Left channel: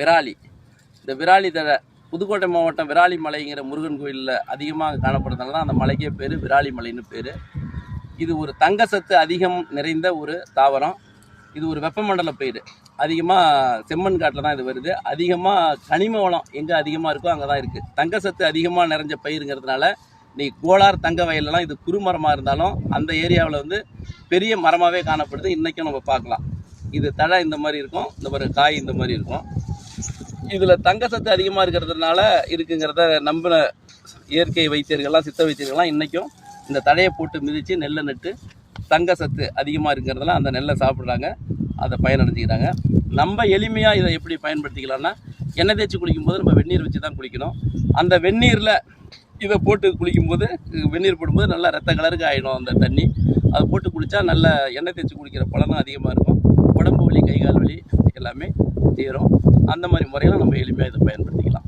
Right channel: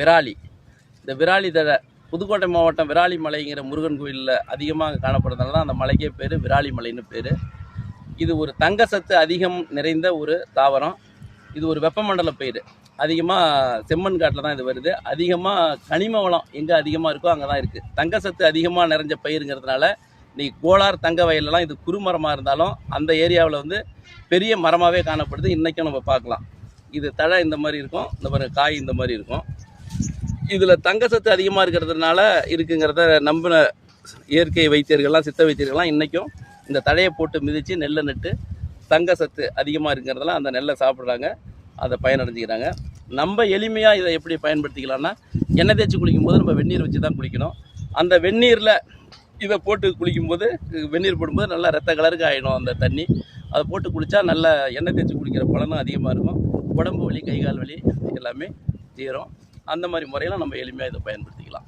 விராலி. இந்த விராலி தழை புதுக்கோட்டை மாவட்டம் விராலி மலைங்கிற முருகன் கோயிலில் அதிகமாக காணப்படுறதுனால தான் அந்த மலைக்கே பேர் விராலி மலைன்னு பேர். இது ஒரு தங்க சத்து அதிகம் நிறைந்த ஒரு தாவரம். இது ஒரு வெப்பமண்டல பயிர். அதிகமாக செம்மண் காட்டில் தான் இது வருது. அதிகமாக கனிம வளம் எங்கே அதிகமாக இருக்கோ அங்கே தான் இருக்குது. தங்க சத்து அதிகமாக நிறைஞ்ச பயிருங்கிறதுனால இன்றைக்கி கோலார் தங்க வயலெலாம் இது குறுமரமாக இருந்தாலும் அந்த ஏரியாவில் வந்து பெரிய மரமாகவே காணப்படுது. இன்றைக்கும் நம்ம பார்க்கலாம். இது தழை இந்த மாதிரி இருக்கும், இந்த மாதிரி காய் இந்த மாதிரி இருக்கும். இதில் தங்க சத்து அதிகமாக இருக்கிறதுனால இருக்குங்கிறத நம்பின இயற்கை வைத்தியர்கள்லாம் சித்த வைத்தியர்கள்லாம் இன்றைக்கும் இந்த தழையை போட்டு மிதித்து நெல்லை நட்டு தங்க சத்து அதிகமாக இருக்கிறதெல்லாம் அந்த நெல்லை சாப்பிட்றாங்க, அதை பயனடைஞ்சிக்கிறாங்க. நம்ம எளிமையாக இதை எப்படி பயன்படுத்திக்கலாம்னா, எண்ணெய் தேய்ச்சி குளிக்கும்போது நம்ம வெந்நீர் வச்சு தான் குளிக்கணும். அந்த வெந்நீரில் இதை போட்டு குளிக்கும்போது வெந்நீர் போடும்போது நல்லா ரத்த கலருக்கு ஆகிடும் அந்த தண்ணி. அதை போட்டு குளித்தா நல்ல எண்ணெய் தேய்ச்சி குளிக்கிற பலனும் அதிகமாக இருக்கும். உடம்பு வலி, கை கால் வலி எல்லாமே தீரும். அந்த மாதிரி முறையெல்லாம் நம்ம எளிமையாக இதை பயன்படுத்திக்கலாம்.